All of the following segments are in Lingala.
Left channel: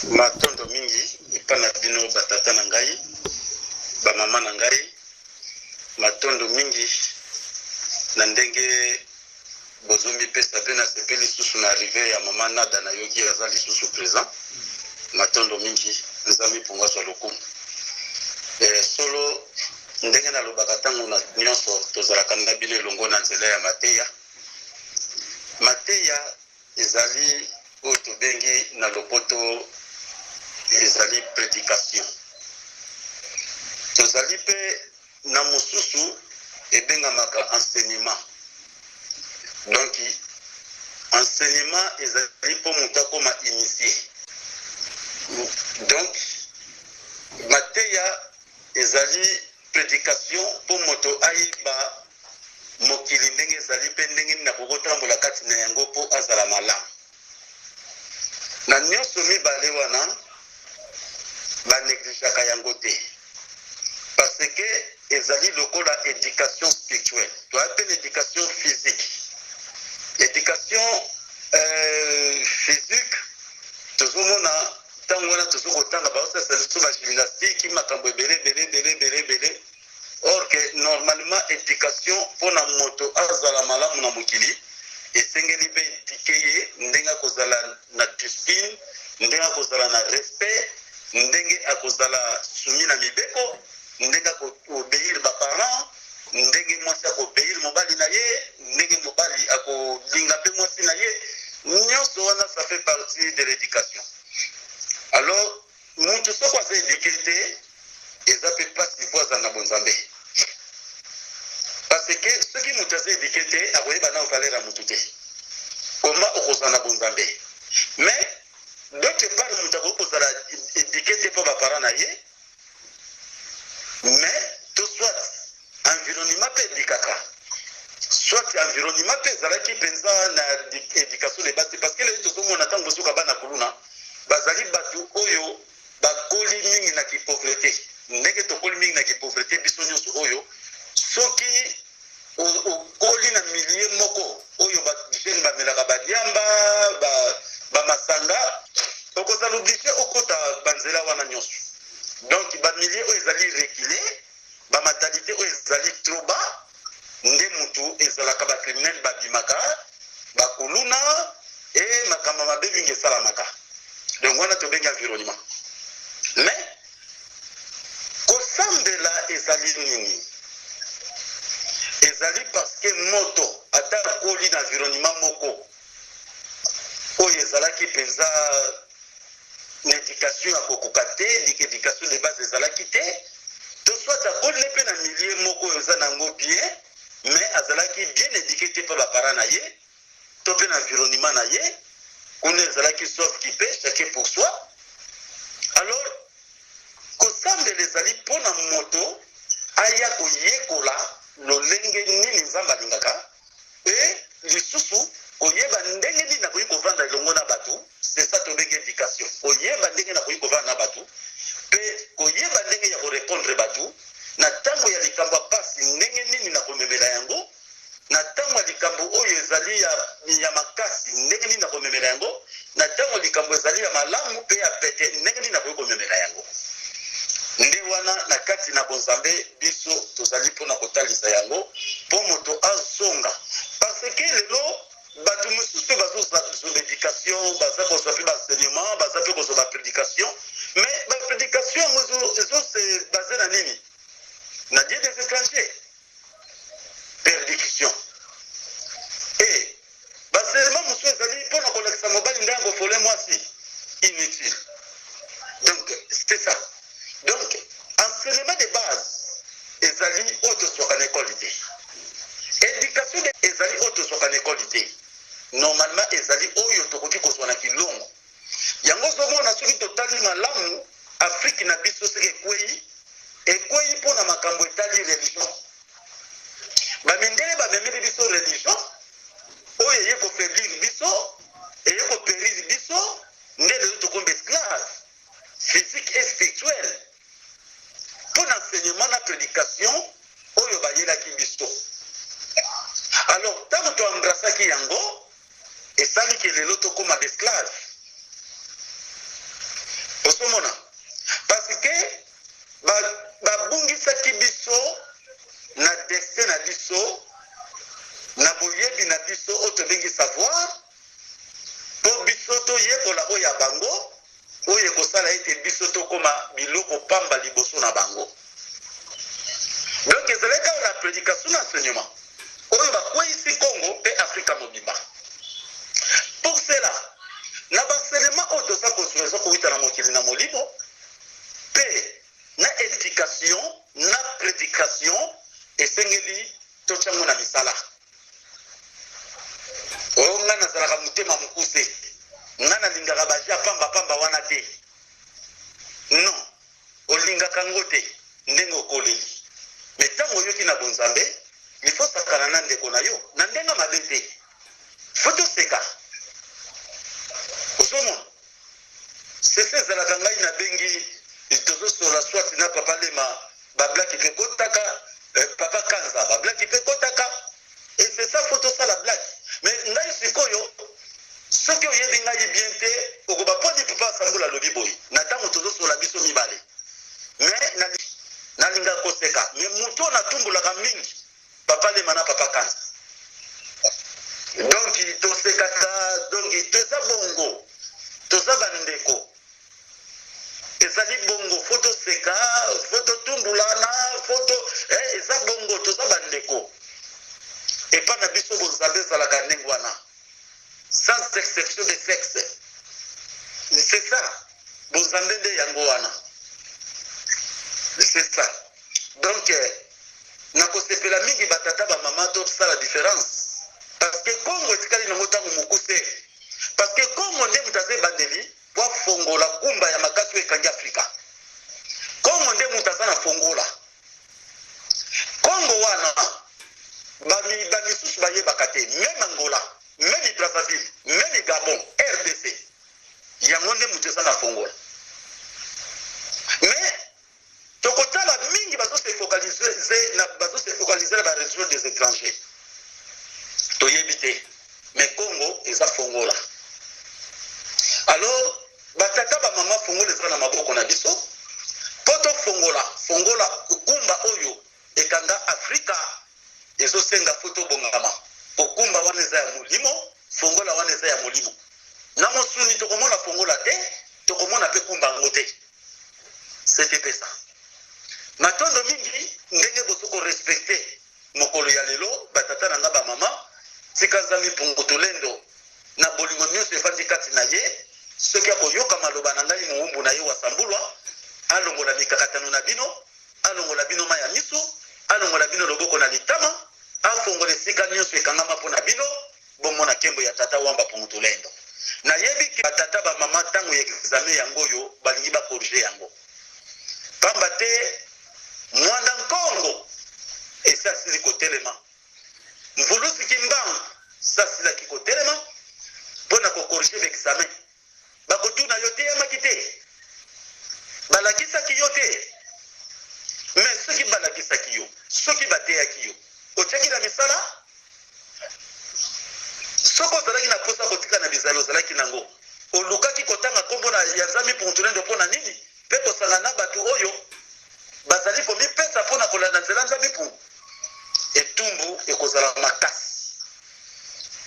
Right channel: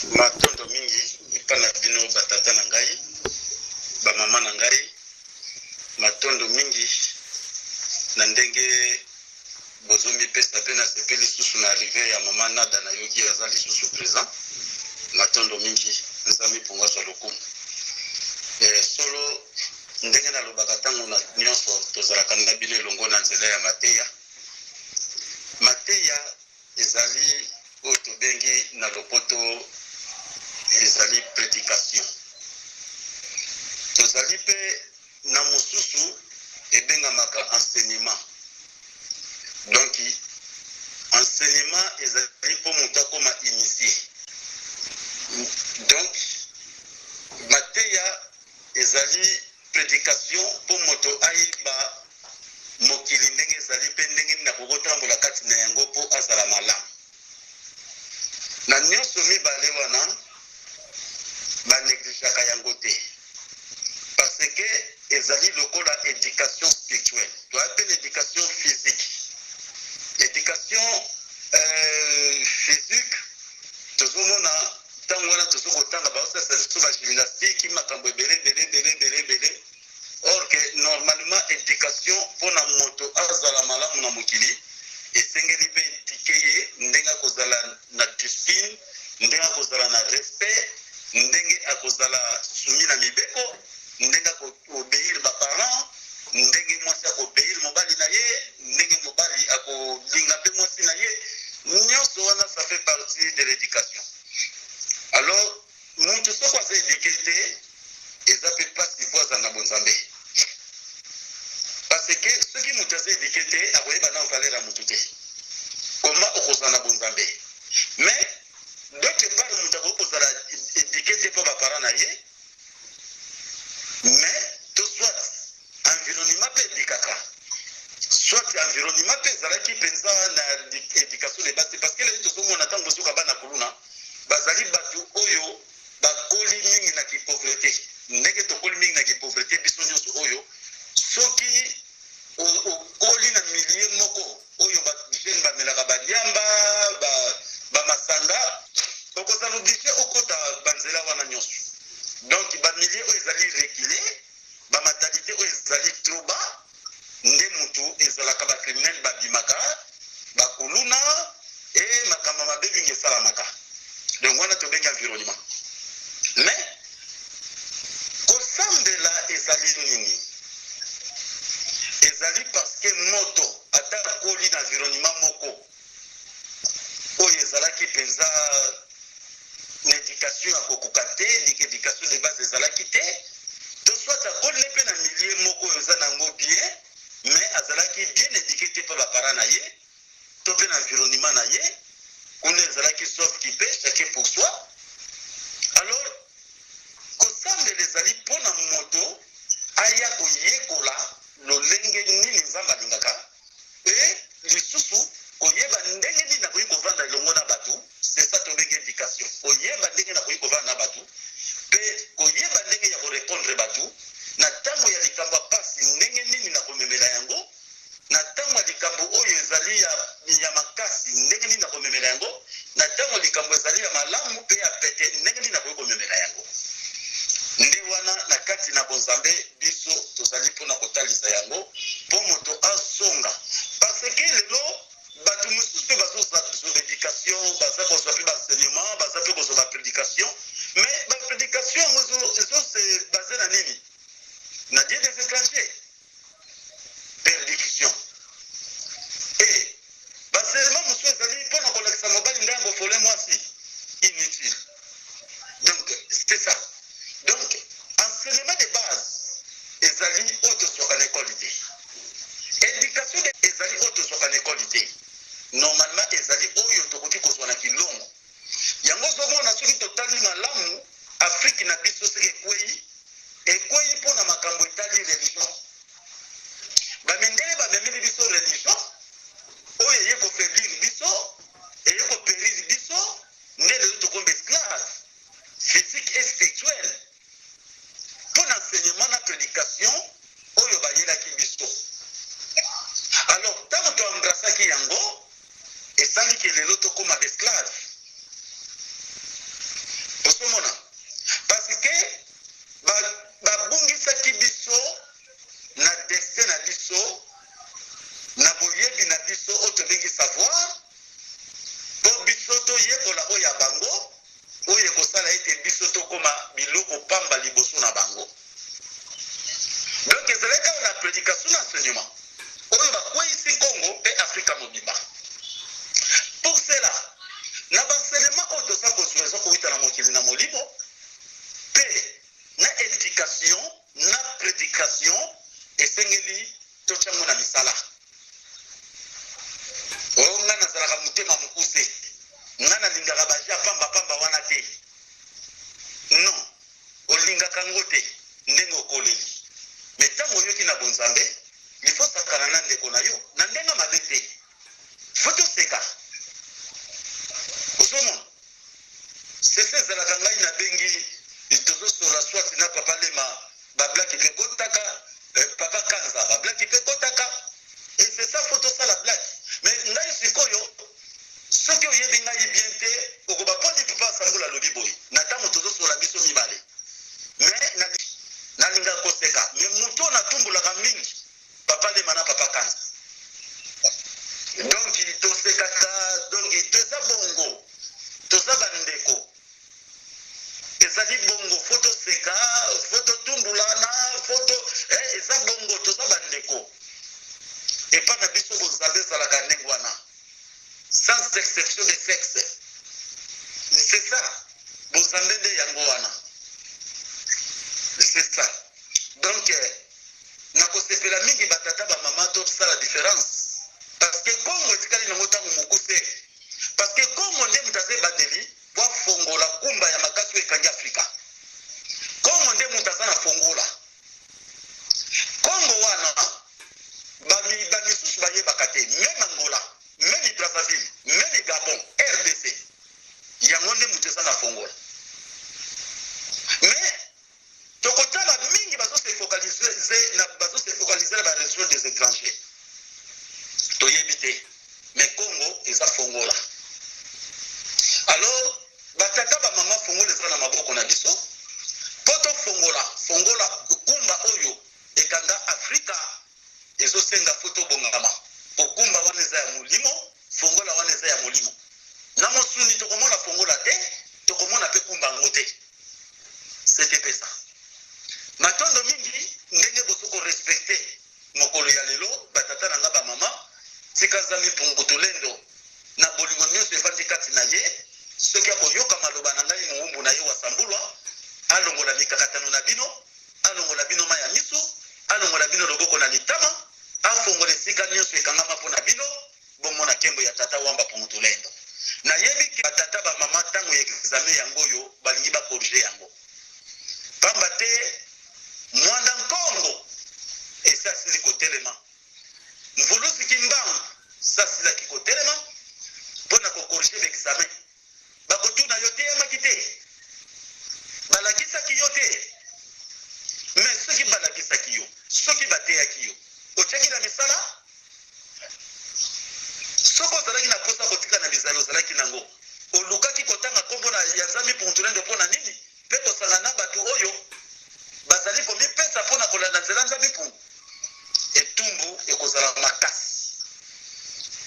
matondo mingi epana bino batata na ngai bamama na ngai matondo mingi na ndenge bozombi pesa pe na sepe lisusu na arrive ya mama Nada na yoki aza lisusu présent matondo mingi nzambe pongwaswa lokumu solo ndenge nalobaka ntango na nyonso tozalaka na bino elongo na nzela ya mateya ezali oyo tobengi na lopoto ezali prédication tozali mpe na mosusu ebengamaka enseignement donc enseignement ezali mpo moto akoma initie donc mateya ezali prédication mpo moto ayeba mokili ndenge ezali mpe ndenge nini nakokotambola kati na yango mpo azala malamu na nyonso mibale wana banégligaka yango te parce que ezali lokola éducation spirituelle toya mpe l'éducation physique éducation physique tozomona ntango wana tozokotanga baosasa liso bagymnastique makambo ebele or que normalement éducation mpona moto azala malamu na mokili esengeli mpe édike ye ndenge akozala na discipline ndenge akozala na respect ndenge akozala sumi na mibeko ndenge akobeir baparent ndenge mwasi akobeir mobali na ye ndenge mobali akolinga mpe mwasi na ye nyonso wana ça fait partie de l'éducation alors mutu soko aza éduke te eza mpe mpasi po aza na bonzambe parce que soki mutu aza éduke te akoyeba na valeur ya mutu te koma okozala na bonzambe mais d'autre part mutu akoki kozala éduke te mpo baparent na ye mais to soit environnement mpe edikaka soit environnement mpe ezalaki mpenza na éducation de base parce que lelo tozomona ntango bozoka bana kuluna bazali bato oyo bakoli mingi na kipauvreté ndenge tokoli mingi na kipauvreté biso nyonso oyo soki okoli na milie moko oyo bajene bamelaka badiamba bamasanga okozala oblige okota banzela wana nyonso donc bamilie oyo ezali reculé bamatalité oyo ezali trop bas nde mutu ezalaka bacriminel babimaka bakuluna e makambo mabe mingi esalamaka donc wana tobengi environnement mais kosambela ezali nini ezali parce que moto ata akoli na environnement moko oyo ezalaki mpenza na éducation ya kokoka te éducation de base ezalaki te to soit akoli mpe na milie moko oyo eza nango bien mais azalaki bien éduqué te mpo baparent na ye to mpe na environnement na ye kuna ezalaki sauf qui peut chacun pour soi alors kosambela ezali mpo na moto aya koyekola lolenge nini nzambe alingaka e lisusu koyeba ndenge nini nakoki kovanda elongo na bato c'est ça tobengi éducation koyeba ndenge nakoki kovanda na bato mpe koyeba ndenge ya korépondre bato na ntango ya likambo ya pasi ndenge nini nakomemela yango na ntango ya likambo oyo ezali ya makasi ndenge nini nakomemela yango na ntango likambo ezali ya malamu mpe ya pete ndenge nini nakoki komemela yango nde wana na kati na bonzambe biso tozali mpona kotalisa yango mpo moto azonga parce que lelo bato mosusu mpe bazozwa éducation baza kozwa mpe baenseignement baza mpe kozwa baprédication mais baprédication yango ezose base na nini na dieu des étrangers perdiction e baenseignement mosusu ezali mpona kolakisa mobali nde angofole mwasi inutile donc c'était ça donc enseignement de base ezali oyo tozwaka na ekole te éducation ezali oyo tozwaka na ekole te normalement ezali oyo tokoki kozwa na kilongo yango ozomona soki totali malamu afrique na biso soki ekwei mpona makambo etali religion bamindele bamemeli biso religion oyo eye kofaiblir biso eye koperir biso nde lelo tokomba esclave physique et spirituelle pour l'enseignement na prédication oyo bayelaki biso alors ntango toembrasaki yango esali ke lelo tokóma baesclave osomona parce que babungisaki biso na destin na biso na boyebi na biso oyo tobengi savoir mpo biso toyekola oyo ya bango oyo ekosala ete biso tokoma biloko pamba liboso na bango. Donc ezalaki kaka na prédication na enseignement oyo bakweyisi Congo mpe Afrika mobimba. Pour cela na baenseignement oyo toza kosueza kowita na mokili na molimo mpe na éducation na prédication esengeli totyango na misala. Oyo nga nazalaka motema mokuse nga nalingaka baja pamba wana te. Non, olingaka ngo te ndenge okoleli. Me ntango oyoki na bonzambe ifo sakana na ndeko na yo na ndenge mabe te. Fo toseka osomona sese ezalaka ngai nabengi tozosola swati na papa lema bablaki mpe kotaka papa kanza bablaki mpe kotaka et c'est ça faut tosala blaki. Mais ngai sikoyo soki oyebi ngai bien te okoba poni papa asangola lobi boye na ntango tozosola biso mibale mais nalinga koseka mais moto natumbulaka mingi papa lema na papa kanza. Donc tosekaka donc toza bongo toza bandeko ezali bongo foto seka foto tumbulana foto eza bongo toza bandeko epa na biso bozambe ezalaka ndenge wana sans exception de sexe. C'est ça bozambe nde yango wana c'est ça. Donc nakosepela mingi batata bamama tosala différence parce que Congo etikali nango ntango mokuse parce que Congo nde moto aza ebandeli po afongola kumba ya makasi oyo ekangi Afrika. Congo nde moto aza na fongola Congo wana bamisusu bayebaka te meme Angola meme Brazzaville meme Gabon RDC yango nde moto aza na fongola. Mais tokotala mingi bazose focaliser na barégion des étrangers toyebi te mais Congo eza fongola. Alors batata bamama fongola ezala na maboko na biso po tofongola kumba oyo ekanga Afrika ezosenga foto bongama okumba wana eza ya molimo fongola wana eza ya molimo na mosuni tokomona fongola te tokomona pe kumba ngo te. C'était pe ça matondo mingi ndenge bosoko respecte mokolo ya lelo batata na nga bamama tika zami pungu tolendo na bolingo nyonso efandi kati na ye soki akoyoka maloba na ngai muumbu na ye wasambulwa alongola mikakatano na bino alongola bino maya miso alongola bino loboko na litama afongola esika nyonso ekangama mpo na bino bomona nkembo ya tata wamba pungu tolendo. Nayebi ke batata bamama ntango ya examen yango oyo balingi bakorige yango pamba te mwanda nkongo esasili kotelema mvulusi kimbangu sasilaki kotelema mpona kokorige l'examen bakotuna yo te yamaki te balakisaki yo te mais soki balakisaki yo soki bateyaki yo otiaki na misala soko ozalaki na posa kotika na bizali ozalaki nango olukaki kotanga nkombo na ya nzambe puntulendo mpona nini mpe kosanga na bato oyo bazali komipesa mpona kolanda nzela nzambe mpungu etumbu ekozala makasi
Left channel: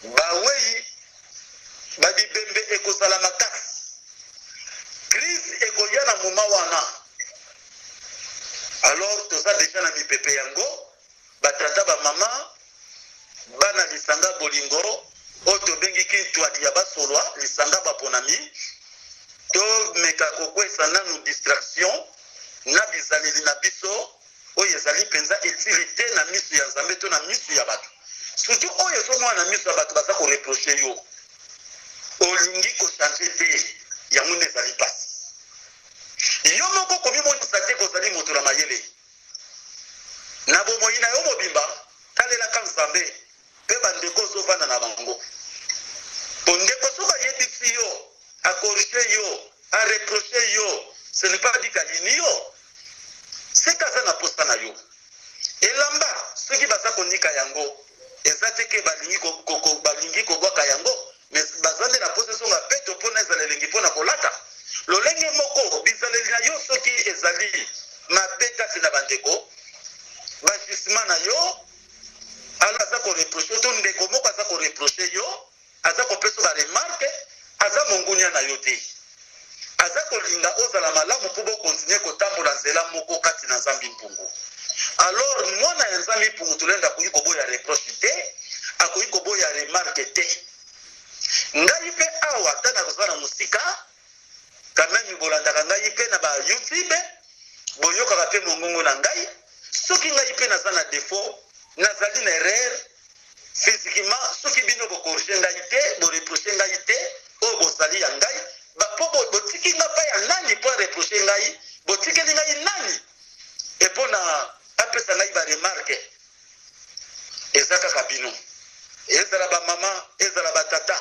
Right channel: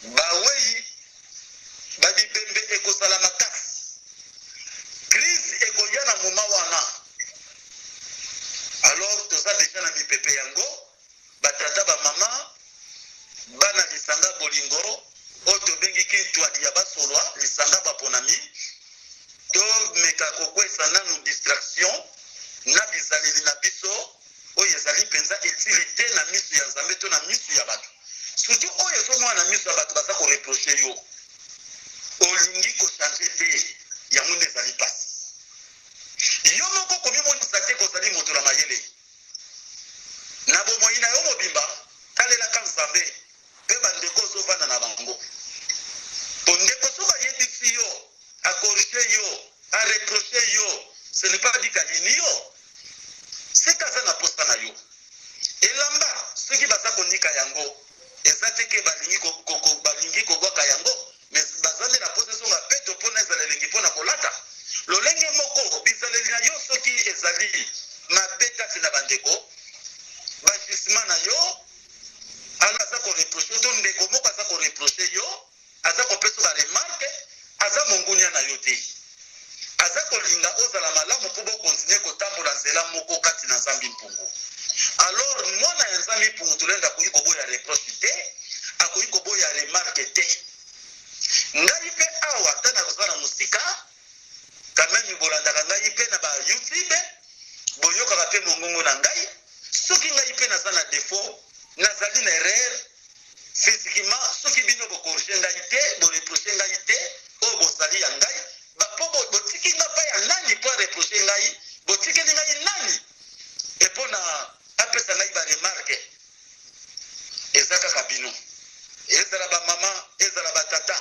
bawei babibembe ekozala makasi crise ekoya na moma wana. Alors toza deja na mipepe yango batata bamama bana lisanga bolingo oyo tobengiki twadi ya basolwa lisanga baponami tomeka kokwesa nanu distraction na bizaleli na biso oyo ezali mpenza etili te na miso ya nzambe to na miso ya bato surtout oyo ezomona na miso ya bato baza koreproche yo olingi kochange te yango nde ezali pasi yo moko komimonisa te kozali moto na mayele na bomoi na yo mobimba talelaka nzambe mpe bandeko ozovanda na bango po ndeko so bayebisi yo akorige yo areproche yo ce n'est pas dit kalini yo seka aza na posta na yo elamba soki baza konika yango eza te ke balingi kobwaka yango mais baza nde na posa esonga peto mpona ezala elengi mpona kolata lolenge moko bizaleli na yo soki ezali mabe kati na bandeko bajisima na yo alors aza koreproche to ndeko moko aza koreproche yo aza kopesa baremarke aza mongunia na yo te aza kolinga ozala malamu mpo bokontinue kotambola nzela moko kati na nzambi mpungu alors mwana ya nzambi mpungu tolenda akoki koboya reproche te akoki koboya remarke te ngai mpe awa ata nakozala na mosika kamemi bolandaka ngai mpe na ba youtube boyokaka mpe mongongo na ngai soki ngai mpe naza na défaut nazali na erreur physiquement soki bino bokorige ngai te boreproche ngai te oyo bozali ya ngai mpo botiki nga mpa ya nani mpo areproche ngai botikeli ngai nani epo na apesa ngai baremarke eza kaka bino ezala bamama ezala batata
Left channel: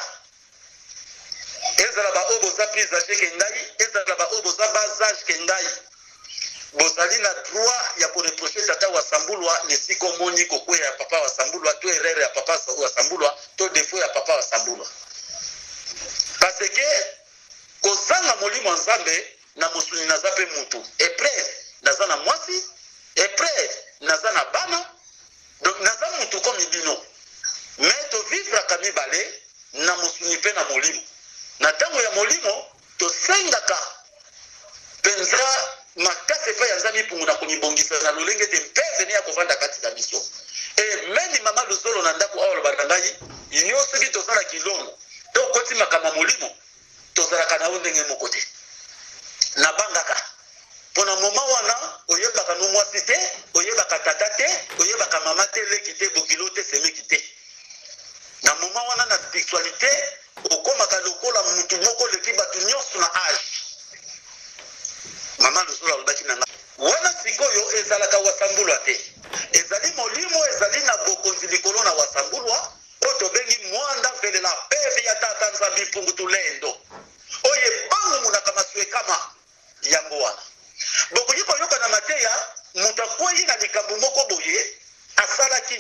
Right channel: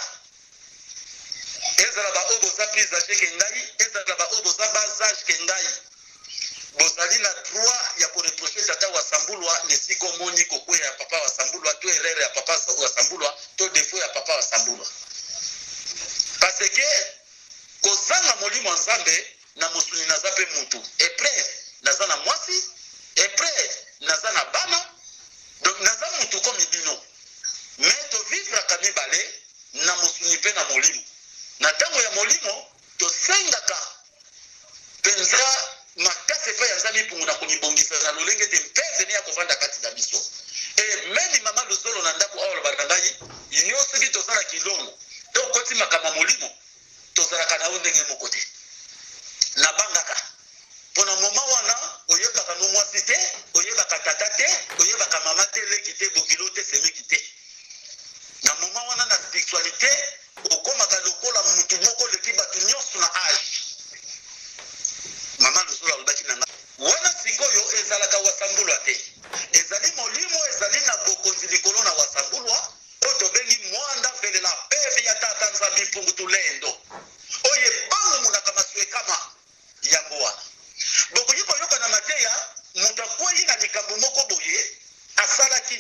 ezala baoyo boza plus age ke ngai ezala baoyo boza bas age ke ngai bozali na droit ya koreproche tata wasambulwa nesika omoni kokweya ya papa wasambulwa to erreur ya papa wasambulwa to défaut ya papa wasambulwa parce que kozanga molimo ya nzambe na mosuni naza mpe mutu epreve naza na mwasi epreve naza na bana donc naza mutu komi bino mais tovivraka mibale na mosuni mpe na molimo na ntango ya molimo tosengaka mpenza makasi epai ya nzambe mpungu na komibongisa na lolenge te mpe veni ya kovanda kati na biso e memi mama luzolo na ndako awa lobaka ngai inyo soki tozala kilongo to okoti makambo ya molimo tozalaka na yo ndenge moko te nabangaka mpo na moma wana oyebaka no mwasi te oyebaka tata te oyebaka mama te leki te bokilo te semeki te na moma wana na spiritualité okomaka lokola mutu moko leki bato nyonso na age mama luzolo alobaki na nga wana sikoyo ezalaka wasambulwa te ezali molimo ezali na bokonzi likolo na wasambulwa oyo tobengi mwanda velela peve ya tata nzambi mpungu tulendo oyo ebangumunaka maswe kama yango wana bokoki koyoka na mateya moto akwei na likambo moko boye asalaki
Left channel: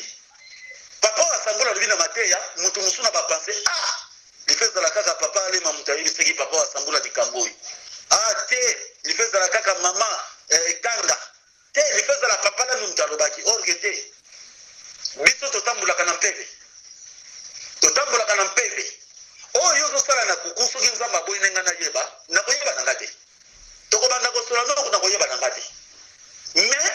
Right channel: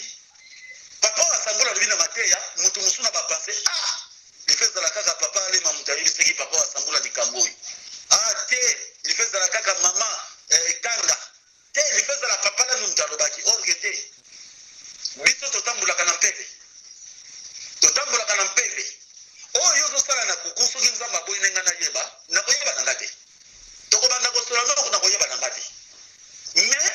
papa wasambula alobi na mateya moto mosu na bapense life ezala kaka papa alema moto ayebisaki papa wasambula likambo oyo te life ezala kaka mama kanga te life ezala papa nanu moto alobaki orge te biso totambolaka na mpeve totambolaka na mpeve oyo ozosala na kuku soki nzambe aboyi nenga nayeba nakoyeba na nga te tokobanda kosola noko nakoyeba na nga te mais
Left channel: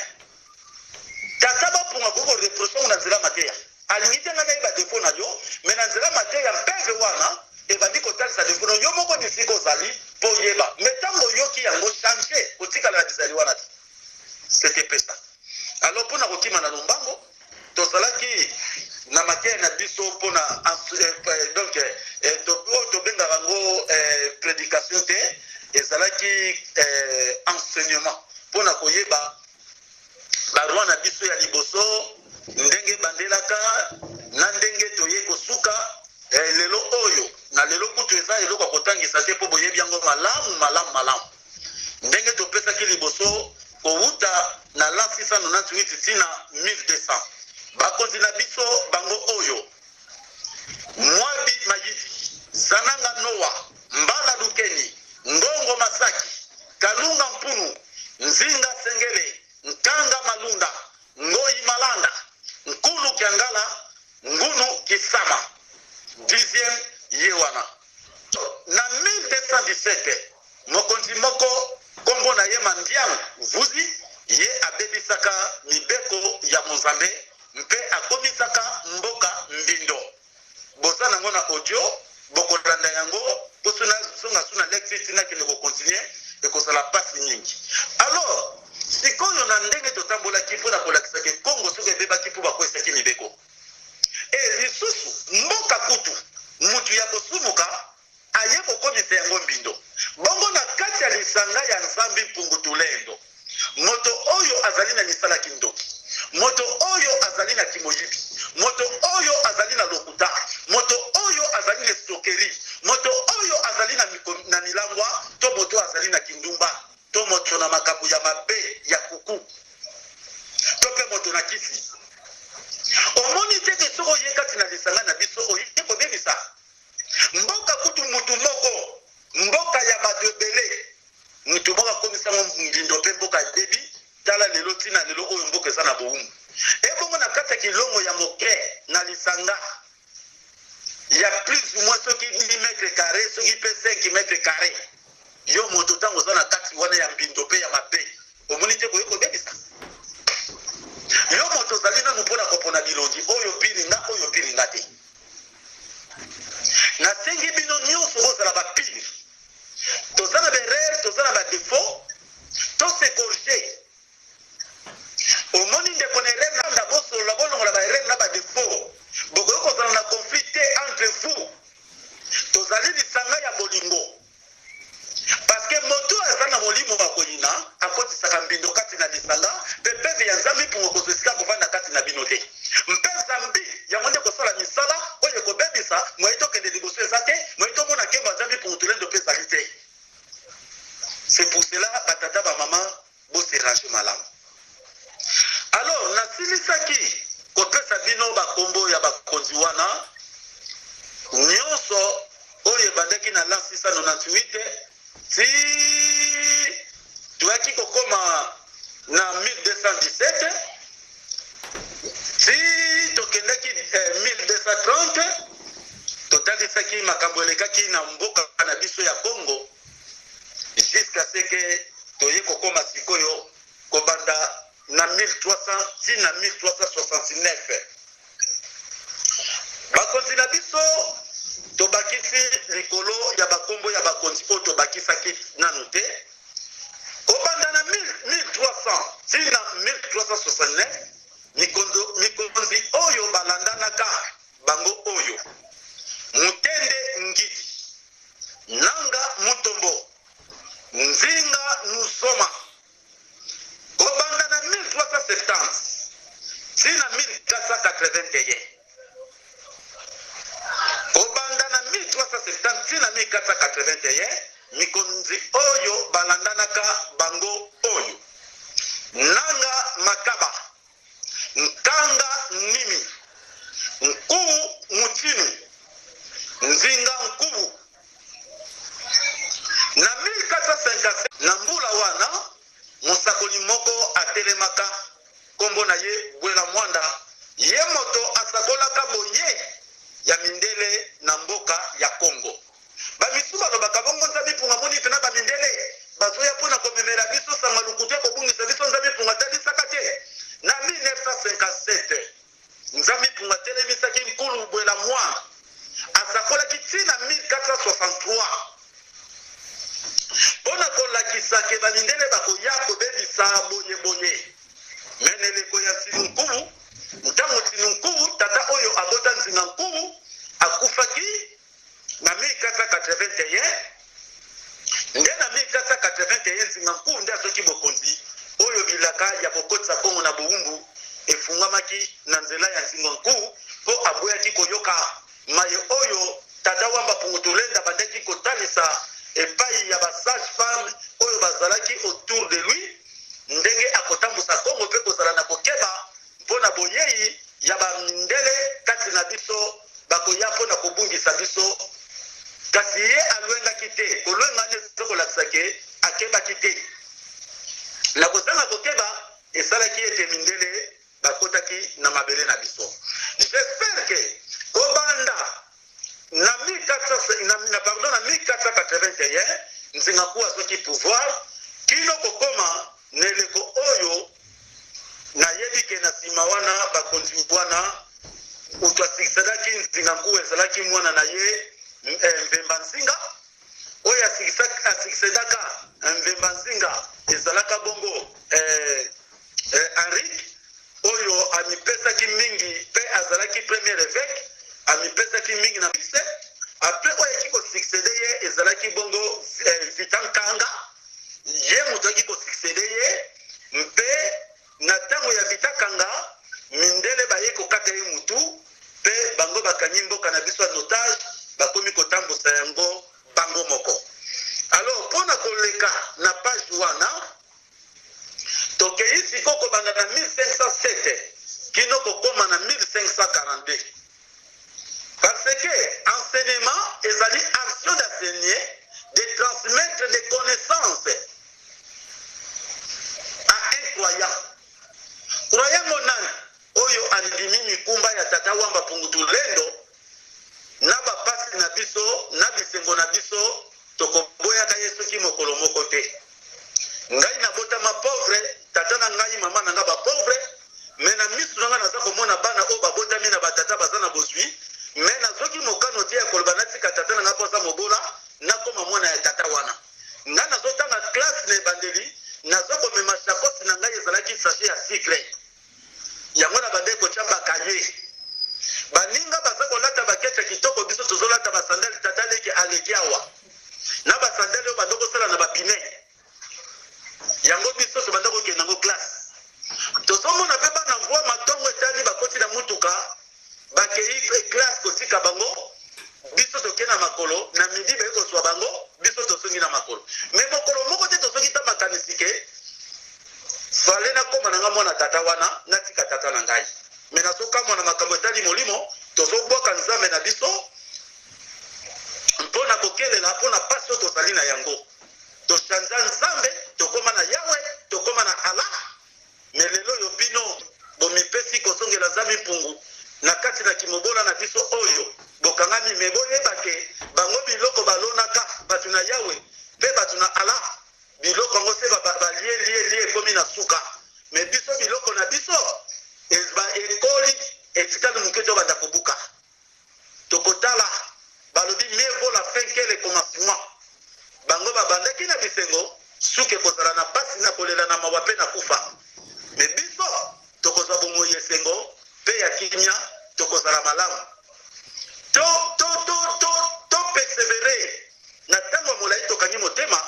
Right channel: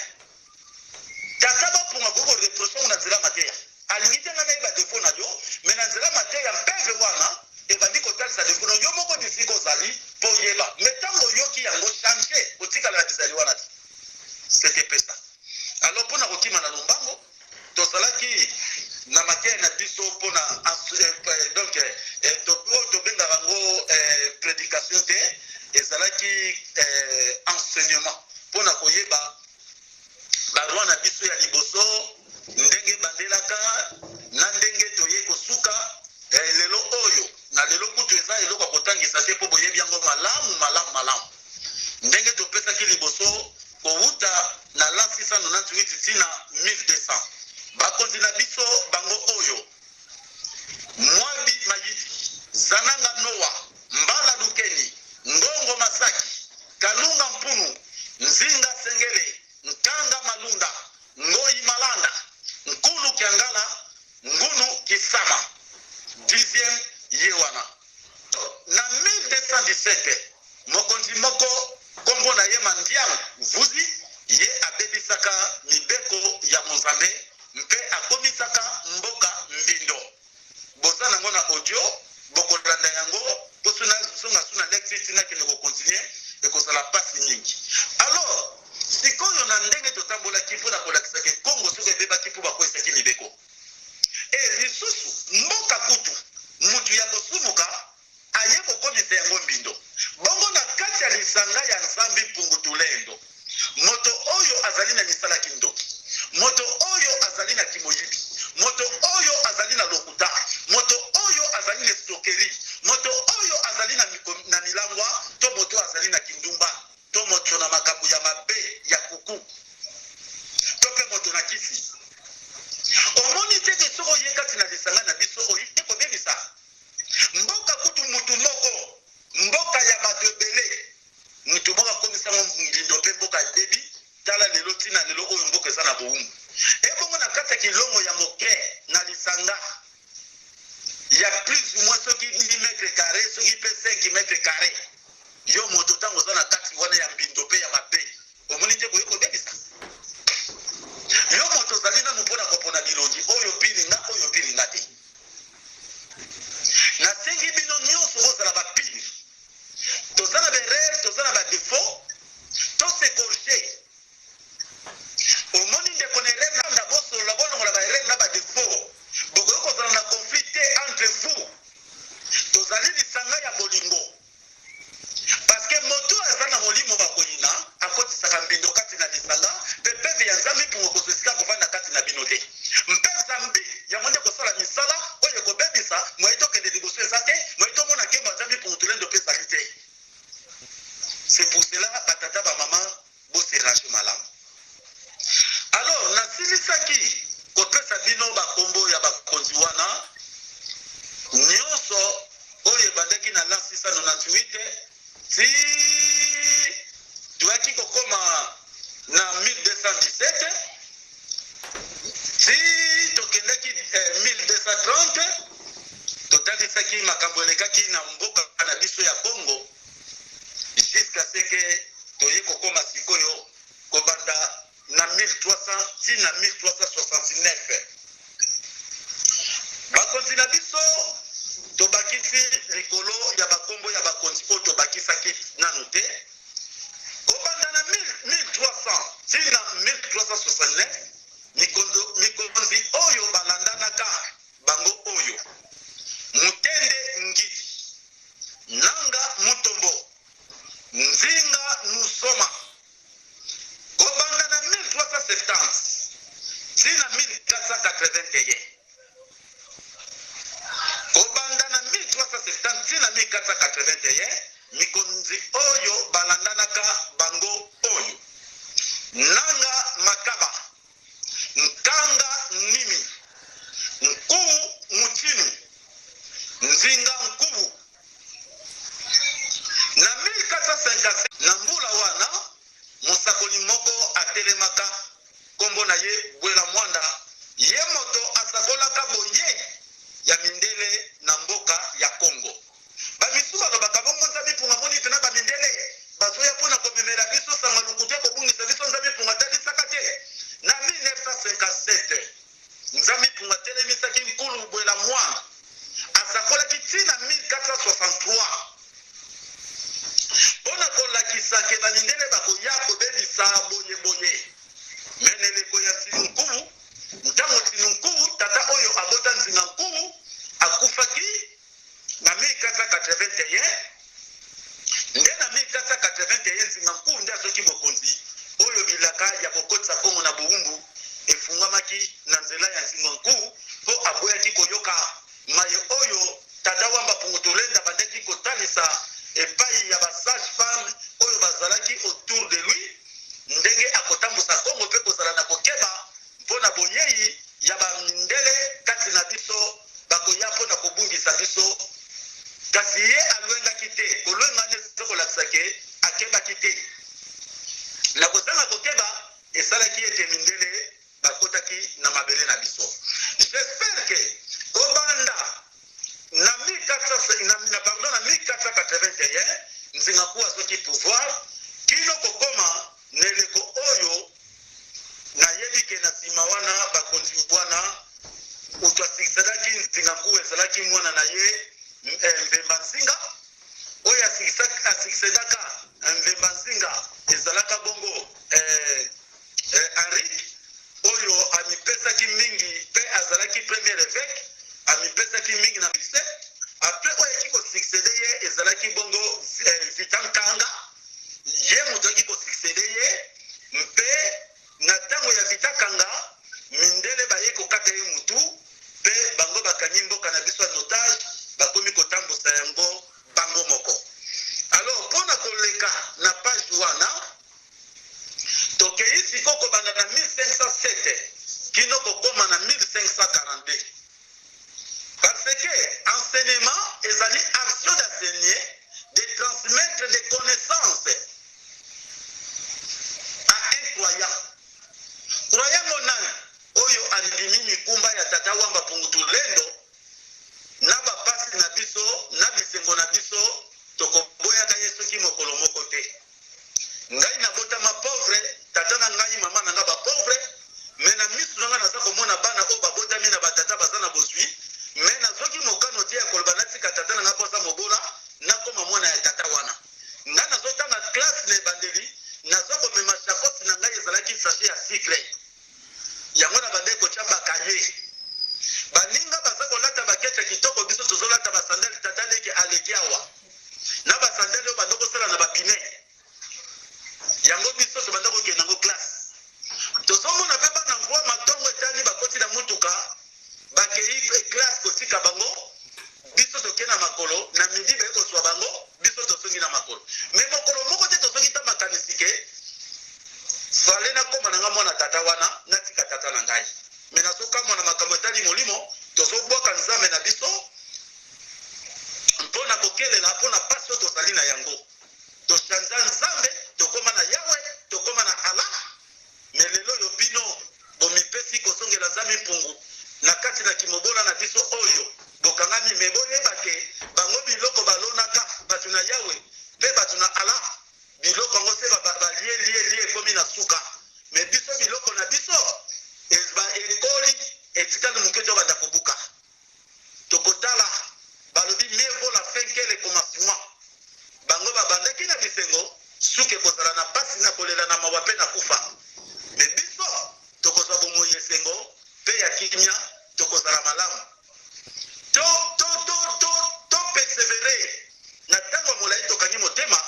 tata bapunga koki koreproche na nzela mateya alingi te nga nayeba defo na yo mais na nzela mateya mpeve wana ebandi kotalisa defo na yo moko bisika ozali mpo oyeba mais ntango oyoki yango change otikala na bizali wana te c'était pesa alors mpona kokima na lombango tozalaki na mateya na biso mpona donc oyo tobengaka yango prédication te ezalaki enseignement mpona koyeba baroi na biso ya liboso ndenge bandelaka na ndenge toye kosuka lelo oyo na lelo kutu eza eloko ya kotangisa te mpo boyebi yango malamu ndenge topesaki liboso kowuta na la 698 tina 1200 bakonzi na biso bango oyo mwabi mayidi zananga noa mbala lukeni ngongo masaki kalunga mpunu nzinga sengele nkanga malunda ngoi malanda nkulu kiangala ngunu kisama 10e ye wana na 1217 mokonzi moko kombo na ye mandiang vuzi ye abebisaka mibeko ya mozambe mpe akomisaka mboka mbindo boza nango na audio bokolanda yango posuna songa suna lecture tina kende ko continuer ekozala pasi mingi alors sikoyo na ndenge totambolaki mpona kolakisaki kongo soki ebebaki mpo bakwesaki mibeko lisusu mboka kutu mutu ya kosumuka aye kokomisa yango mbindo bongo na kati ya lisanga ya nzambi mpungu tulendo moto oyo azali na misala kindoki moto oyo azali na kimoyibi moto oyo azali na lokuta moto oyo azali na stokeri moto oyo azali na milangwa to moto azali na kindumba to moto na makambo ya mabe ya kuku to pe moto na kisi omoni teke soko ye kati na lisanga na biso oye kobebisa mboka kutu mutu moko mboka ya bato ebele mutu moko akomisa mbindo mpe mboka debi tala lelo ntina lelo oyo mboka eza na bowumbu ebongo na kati ya kilongo ya moke na lisanga ya plus ou moins soki 10 mètres carré soki mpe 5 mètres carré yo moto ntango oza na kati wana ya mbindo mpe ya mabe omoni te koye kobebisa yo moto ozali nanu mpona kopona bilongi oyo piringa te nasengi bino nyonso bozala bapire toza na berere toza na badefo tosekorge omoni ndeko na erere nanda bosolola bolongola baerere na badefo bokoki kozala na conflit te entre vous tozali lisanga ya bolingo parceke moto aza na molimo bakoyina akotisaka mbindo kati na lisanga mpe peve ya nzambe mpungo kozwa esika kovanda kati na bino te mpe zambi yango nde kosala misala oyo ekobebisa moye tokende liboso eza te moye tomona nkembo ya nzambe mpungo tolendo mpe ezali te c'est pour cela batata bamama boserange malamu alors nasilisaki kopesa bino bakombo ya bakonzi wana nyonso oyo ebandaki na lan 698 ti toyaki kokoma na 1217 ti tokendaki 1230 totalisaki makambo elekaki na mboka na biso ya Congo jusqu'à ce que toye kokoma sikoyo kobanda na 1300 ti na 1369 bakonzi na biso tobakisi likolo ya bakombo ya bakonzi oyo tobakisaki nanu te kobanda na 1300 ti na 1369 mikonzi oyo balandanaka bango oyo Mutende Ngiti Nanga Mutombo Nzinga Nusoma kobanda na 1370 ti na 1481 kobanda na 1370 ti na 1481 mikonzi oyo balandanaka bango oyo Nanga Makaba Nkanga Nimi Nkuu Mutinu Nzinga Nkubu na 1457 na mbula wana musakoli moko atelemaka kombo na ye Bwela Mwanda ye moto asakolaka boye ya mindele na mboka ya Kongo bamisuba lobaka bongo nzabi punga moni tena bamindele bazoya pona komemela biso sanga lukute kobungisa biso nzabi punga talisaka te na 1957 nzabi punga telemisaki nkulu Bwela Mwanda asakolaki tina 1463 pona kolakisake bamindele bakoya kobebisa bonye meneleko ya Nzinunkubu ntango Nzinunkubu tata oyo abota Nzinunkubu akufaki na 1481 nde na 1481 Nzinunkubu nde azoki bokonzi oyo bilaka ya kokotisa Kongo na bowumbu efungwamaki na nzela ya Nzinunkubu po aboyaki koyoka maye oyo tata wamba pungutulenda bandeki kotalisa epai ya basage femme oyo bazalaki autour de lui ndenge akotambusa Kongo pe kozala na kokeba mpona boyei ya bamindele kati na biso bakoya mpona kobungisa biso kasi ye alwengaki te kolwenga nde ezokolakisa ke akebaki te na kozanga kokeba esalaki ete mindele bakotaki na mabele na biso. J'espère que kobanda na 1481 Nzingakuwa soki pouvoir kino kokoma neleko oyo na yebike na sima wana bakonzi bwana utwasikisaki Nzingakuwa ezalaki mwana na ye Mvemba Nzinga oyo asikisedaka Mvemba Nzinga ezalaka bongo Henrik oyo amipesaki mingi pe azalaki premier évêque amipesaki mingi na bise après oyo kiko succéder ye ezalaki bongo Vitankanga ye muto kiko succéder ye mpe na tango ya Vitankanga mindele baye kokata ye mutu pe bango bakanyi mboka na biso notage bakomi kotambusa yango bango moko. Alors pona koleka na page wana tokei siko kobanda na 1507 kino kokoma na 1542 parce que enseignement ezali action d'enseigner de transmettre des connaissances croyant nani oyo andimi mikumba ya tata wamba pungutulendo na bapasi na biso na bisengo na biso tokoboyaka yesu ki mokolo moko te ngai nabotama pauvre tata na ngai mama na nga bapauvre me na misu nanga naza komona bana oyo babotami na batata baza na bozwi me nazoki mokano te ya koloba natika tata na nga mpo aza mobola nakoma mwana ya tata wana nga nazotanga classe na ebandeli nazo komema shakosi na ngai ezalaki sachet ya sucre yango na bande kotya bakaye baninga baza kolata bakete kitoko biso tozolata basandali tata leki aleki awa na basandali oyo bando kosala na bapine yango biso tobanda kokende yango classe tozomona mpe bana mvwa matongo etani bakoti na mutuka bakei classe kotika bango biso tokende na makolo na midi baye kozwa bango biso tosongi na makolo me mokolo moko te tosongi ta makanisi ke fale nakoma nanga mwana tata wana natika tata na ngai me nazokamwa na makambo etali molimo tozobwaka nzambe na biso mpo na kokelela mpo na pasi oyo tozali na yango toshanza nzambe tokoma na yawe tokoma na ala me lelo oyo bino bomipesi kosongela nzambe mpungu na kati na kimobola na biso oyo bokangami me boyebake bango biloko balonaka bato na yawe mpe bato na ala biloko yango se balie ekomi na suka me biso biloko na biso ekoli etikali moke to banda kobuka tokotala balobi mieux vaut la fin que le commencement bango babandaki na bisengo suki ekozala na pasi na kolela na mawa mpe na kufa me biso tokozwa bomoi esengo mpe ya kimia tokozala malamu to persevere na ntango ya molai tokangi motema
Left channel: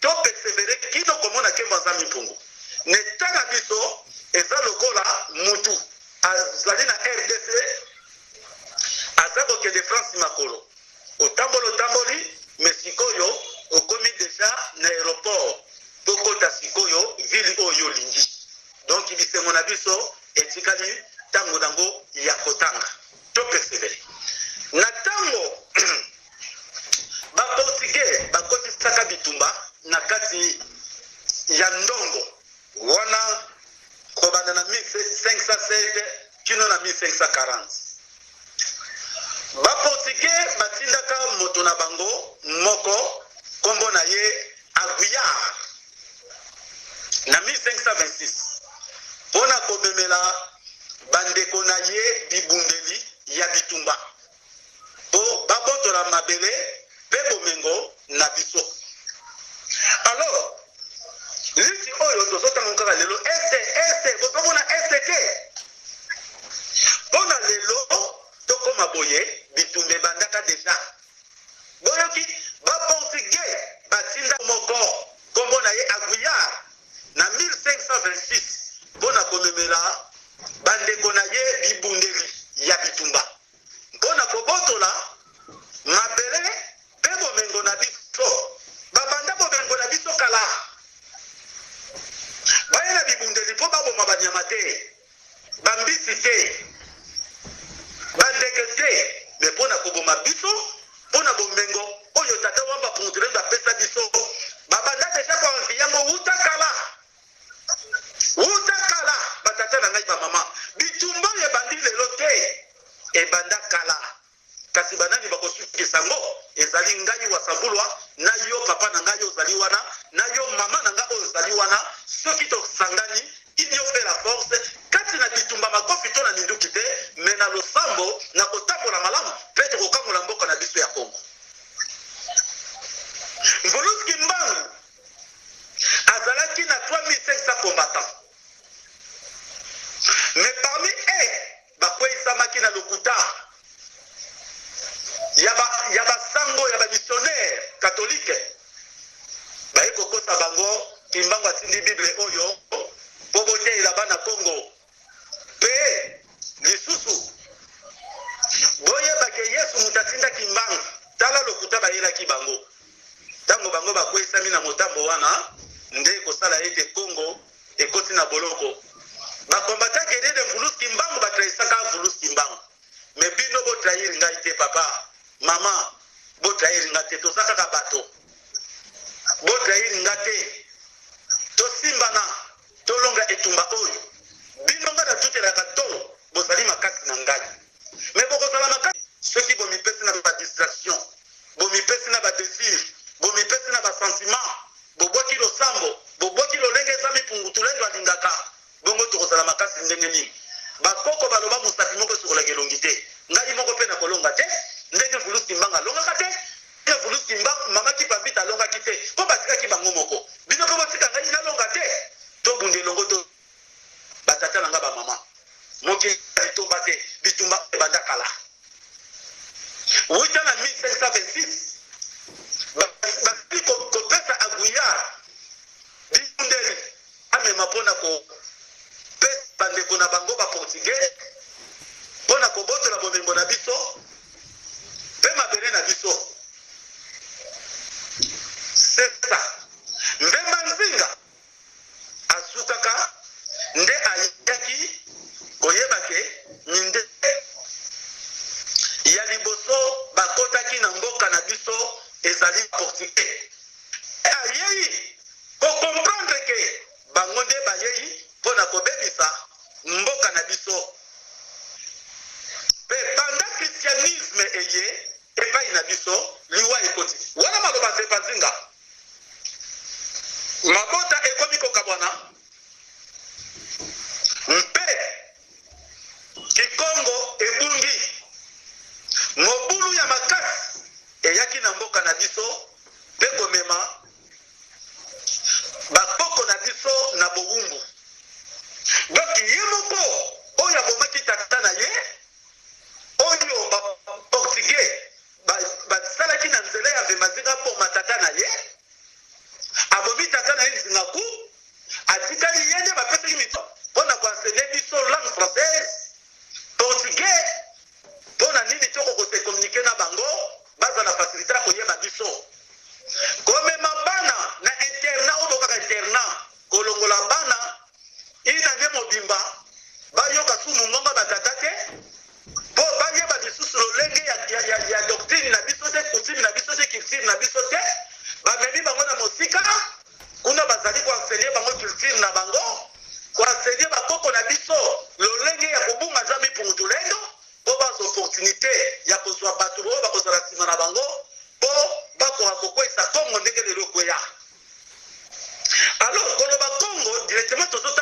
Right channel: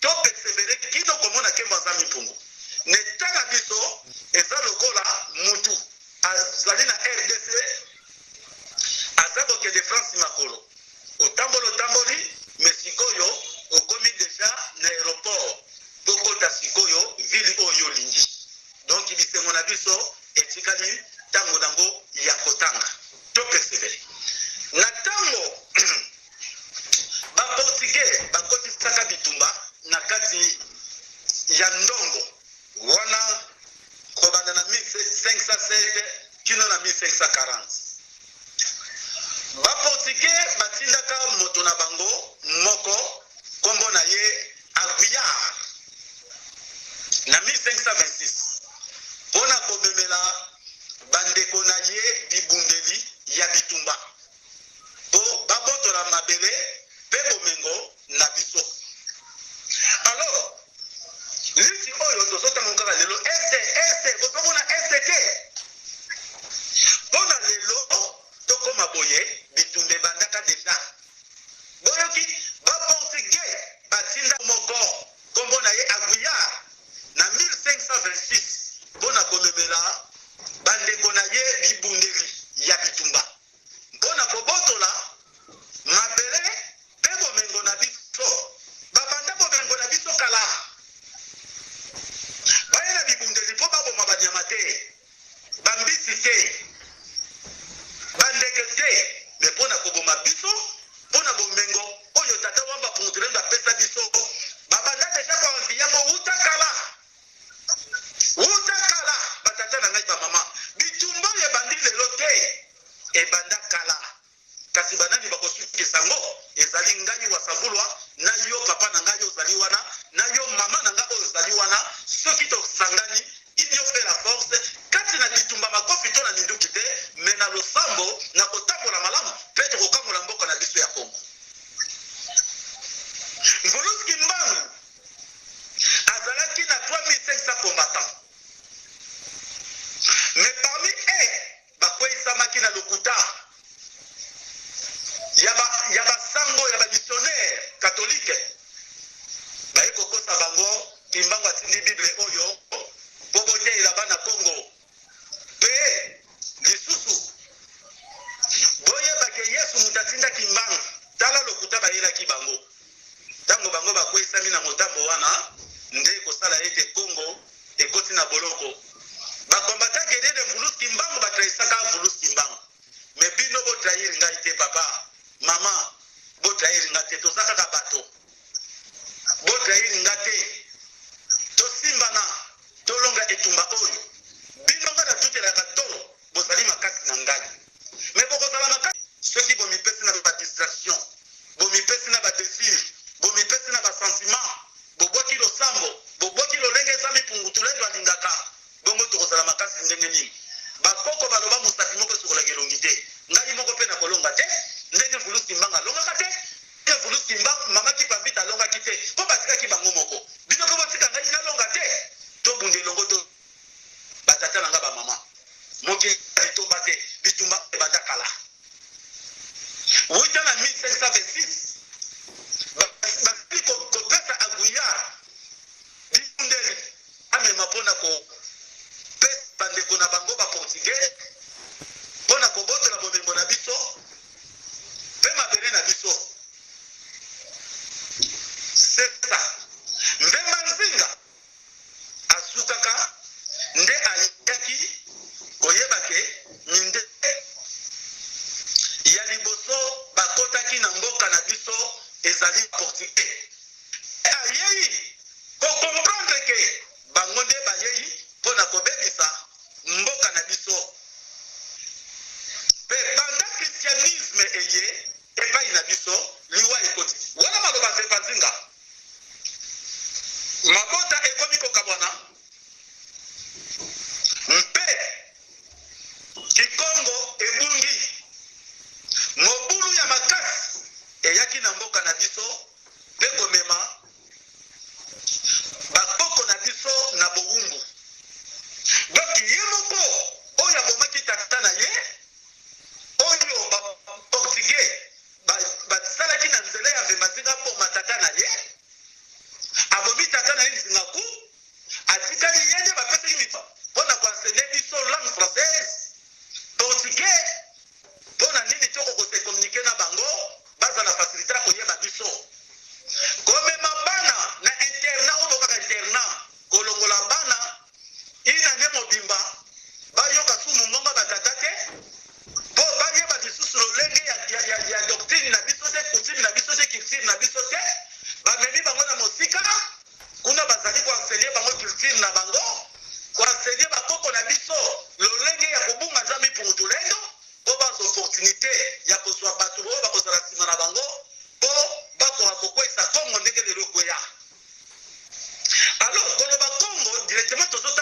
to persevere kino komona nkembo aza mimpungu neta na biso eza lokola mutu azali na RDC aza kokende France makolo otamboli me sikoyo okomi deja na aéroport pokota sikoyo vili oyo olingi donc bisengo na biso etikali ntango nango ya kotanga to persevere na ntango baportugais bakotisaka bitumba na kati ya ndongo wana kobanda na 1507 kino na 1540 baportugais batindaka moto na bango moko kombo na ye Aguiar na 1526 mpona kobemela bandeko na ye bibundeli ya bitumba po babotola mabele mpe bomengo na biso alors liti oyo tozotanga kaka lelo ese bozomona ese te mpona lelo tokoma boye bitumba ebandaka deja boyoki baportugais batinda moko kombo na ye Aguiar na 1526 mpona komemela bandeko na ye bibundeli ya bitumba mpona kobotola mabele mpe bomengo na biso babanda bomengo na biso kala baye na bibundeli mpo baboma banyama te bambisi te bandeke te me mpona koboma biso mpona bomengo oyo tata wamba pungutulendo apesa biso babanda deja koanvi yango wuta kala batata na ngai bamama bitumba oyo ebandi lelo te ebanda kala kasi banani bakosukisa yango ezali ngai wasambulwa na yo papa na ngai ozali wana na yo mama na ngai oyo ozali wana soki tosangani union fait la force kati na bitumba makofi to na minduki te me na losambo na kotambola malamu mpe tokokangola mboka na biso ya Kongo Mvuluski Mbangu azalaki na 3500 combattants mais parmi eux bakweyisamaki na lokuta ya basango ya bamissionnaire catholique baye kokosa bango Kimbangu atindi bible oyo po boteela bana Kongo mpe lisusu boyebake Yesu mutu atindaki Kimbangu tala lokuta bayelaki bango ntango bango bakweyisami na motambo wana nde kosala ete Kongo ekoti na boloko bakombataki edede Mvuluski Mbangu batrahisaka Mvuluski Mbangu me bino botrahiri ngai te papa mama botrahiri nga te toza kaka bato botrahiri nga te tosimbana tolonga kopesa bandeko na bango baportugais mpona kobotola bomengo na biso mpe mabele na biso. C'est ça. Mbemba Nzinga asukaka nde ayaki koyebake minde ya liboso bakotaki na mboka na biso ezali portugais. Ayei kokomprendre ke bango nde bayei mpona kobebisa mboka na biso. Mpe banda christianisme eye epai na biso liwa ekoti. Wana maloba Mbemba Nzinga mabota ekomi kokabwana mpe kikongo ebungi mobulu ya makasi eyaki na mboka na biso mpe komema bakoko na biso na bowumbu. Donc ye moko oyo abomaki tata na ye oyo baportugais basalaki na nzela ya Mbemba Nzinga mpo matata na ye abomi tata na ye Nzingaku atikali ye nde bapesaki mito mpona koenseigner biso langue française portugais mpona nini toko kose communiquer na bango baza na facilité ya koyeba biso. Komema bana na internat oyo bokaka internat kolongola bana ina nde mobimba bayoka sumu ngonga batata te mpo bayeba lisusu lolenge ya doctrine na biso te coutume na biso te culture na biso te bamemi bango na mosika kuna bazali koenseigner bango culture na bango koenseigner bakoko na biso lolenge ya kobunga nzambe pungutulendo mpo bazwa opportunité ya kozwa bato oyo bakozala nsima na bango mpo bakoka kokwesa kongo ndenge lelo ekweya. Alors koloba kongo directement tozota